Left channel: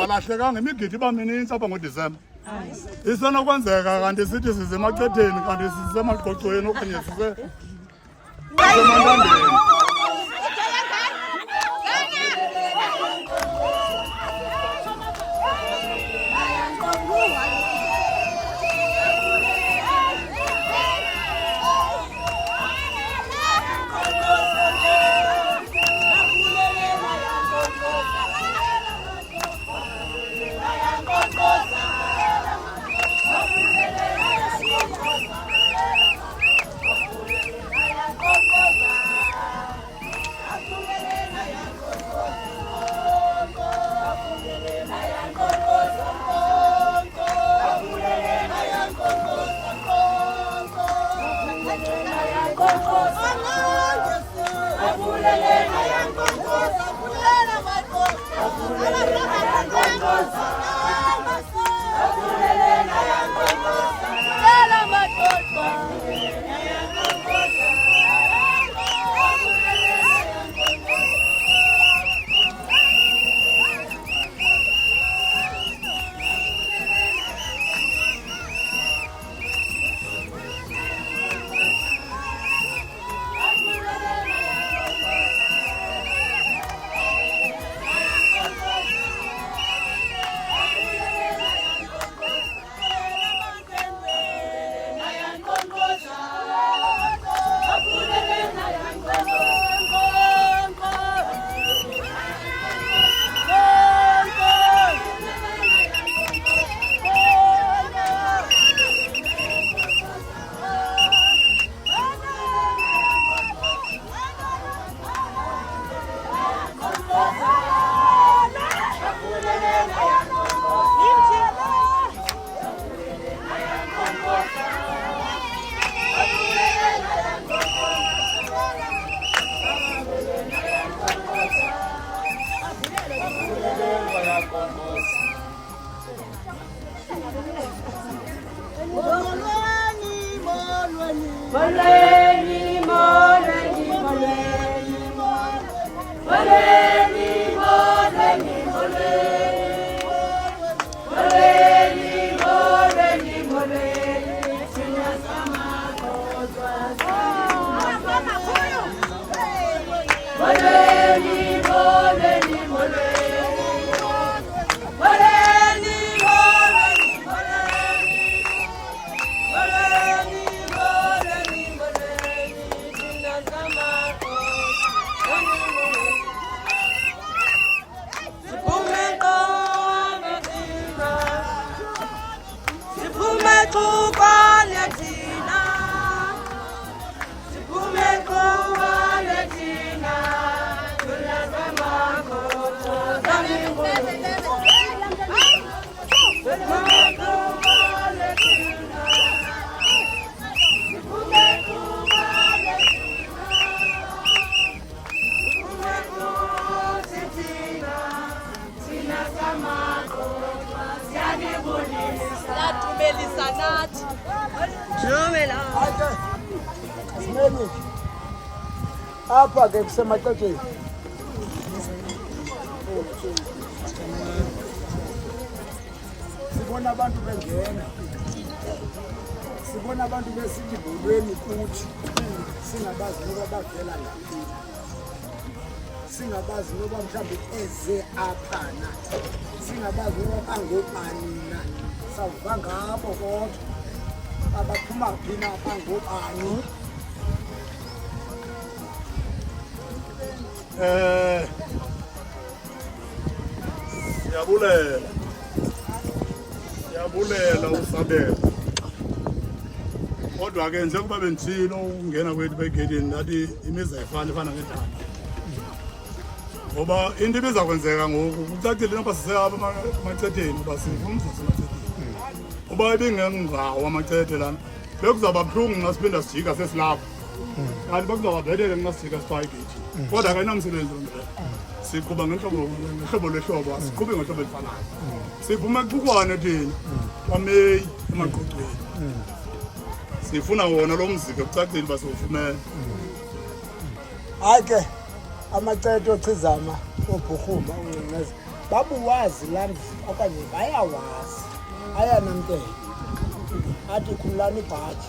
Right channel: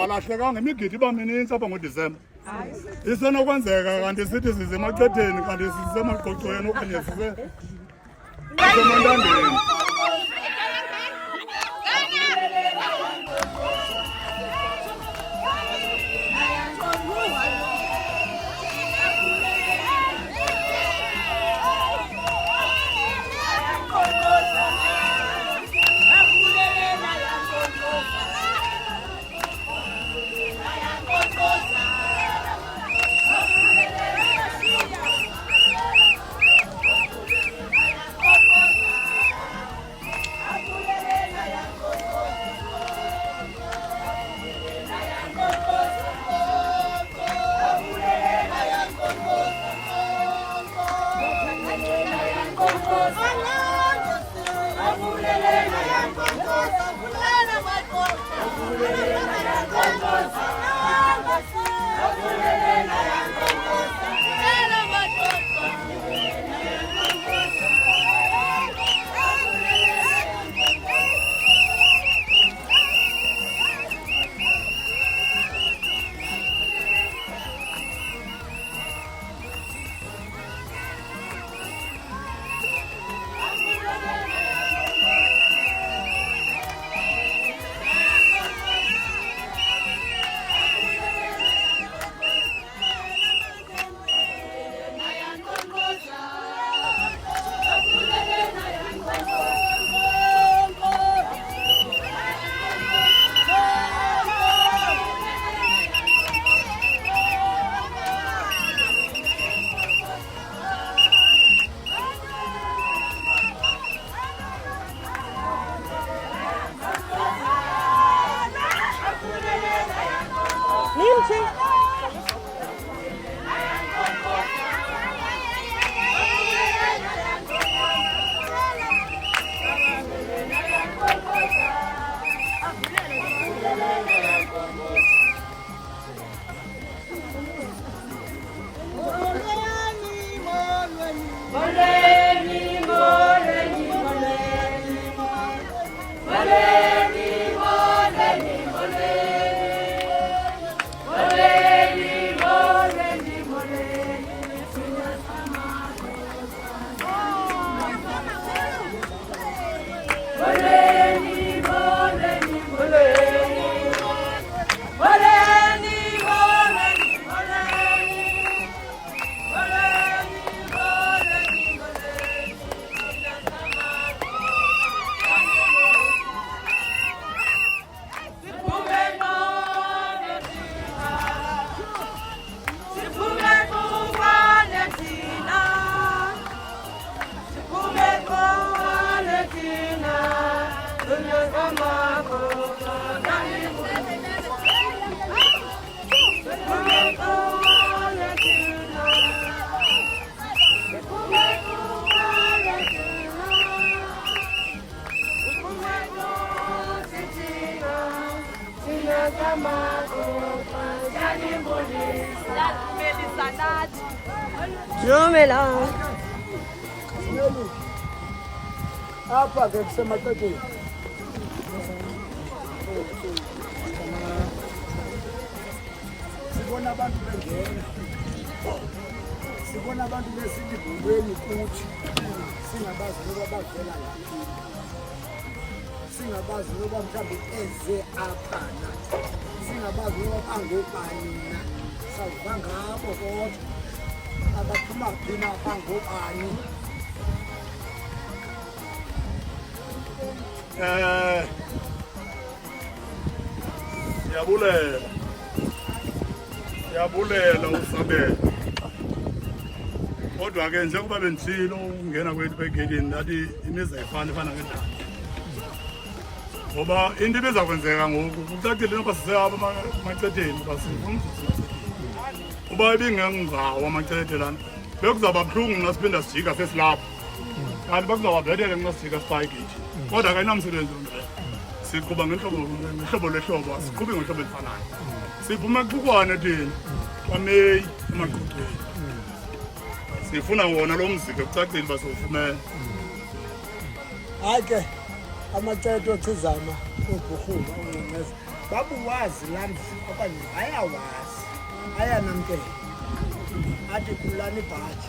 Walahlekanga imigidi bamininzi apha ngoDisemba. Isenokwenzeka kanti sithi sisemachetheni kanti sisemagqogqweni okanye sisemantandeni. Apa ke kusemaxekeni sibona abantu bengena, sibona abantu besithi bulweni kuthi singabazi noba bavela laphi, singabazi noba mhlawumbe eze apha na, singabazi noba bangobani na, savuka ngabo kodwa abaphuma phi na bangobani. Siyabulela uSabela. Kodwa ke njengoba benditshilo ungena kwethu begedini nathi imizi ayifani efana ngendaba. Ngoba into ibiza kwenzeka ngoku kucacile noba siseyapha amacetheni uba sifuna umzimacetheni. Uba ibingengawo amacethe lana bekuzawuba buhlungu nxa siphinda sijika sesilapha. Kanti bakuzawuba bhetele nxa sijika sifaka igeyithini. Kodwa ke inamsebenzi lonto. Siqhuba ngehlobo lehlobo, asiqhubi ngehlobo elifanayo. Siphuma kuqukwane thina kwaMeyi emaqoqweni. Sifuna wona lo mziki kucacile uba siwufumene. Hayi ke amacethe othizama obhuhuma ongcengeza babuwazi landi okanye bayawazi ayanamkela athi khululani ibhaji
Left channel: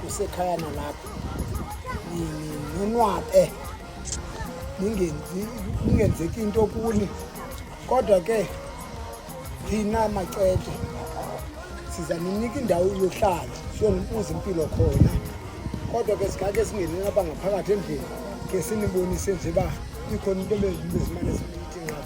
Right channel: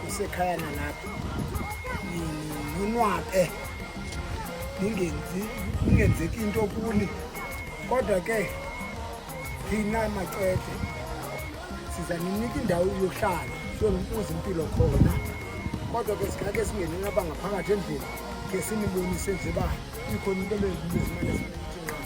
kusekhaya nalapha ninwabe ningenzeki into kuni, kodwa ke thina macethe siza ninika indawo yohlala siyonibuza impilo khona, kodwa ke sikake singene lapha ngaphakathi endlini ke sinibonise nje uba ikhona into ebezimane sinithinga.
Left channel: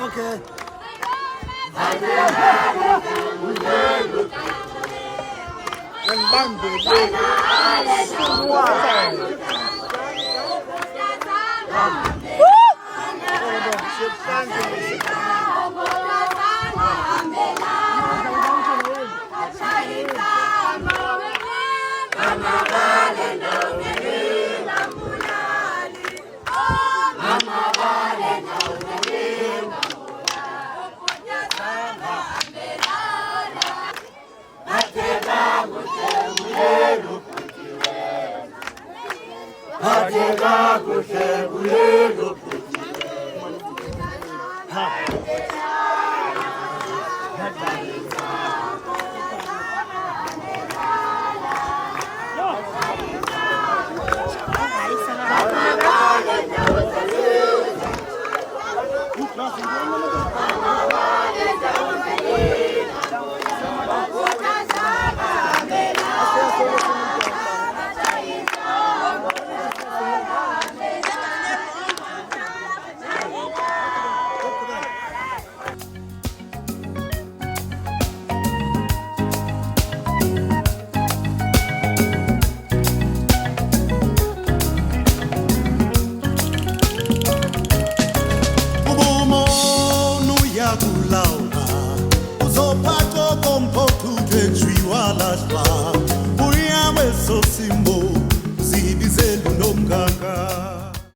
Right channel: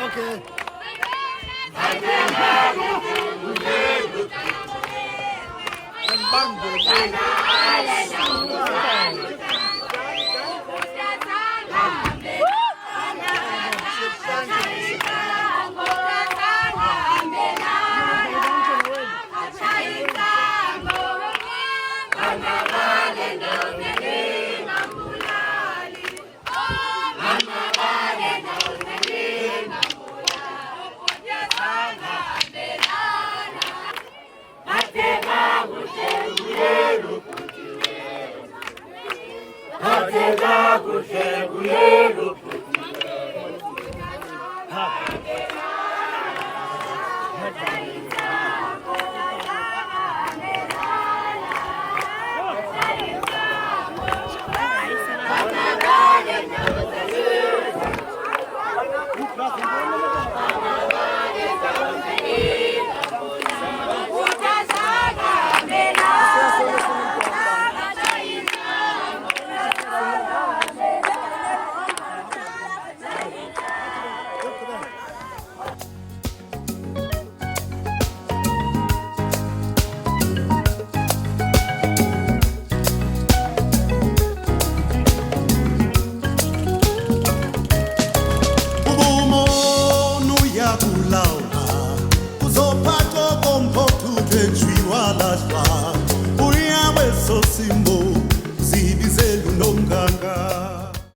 Okay. Uyawe so simbo zibizelu nomganga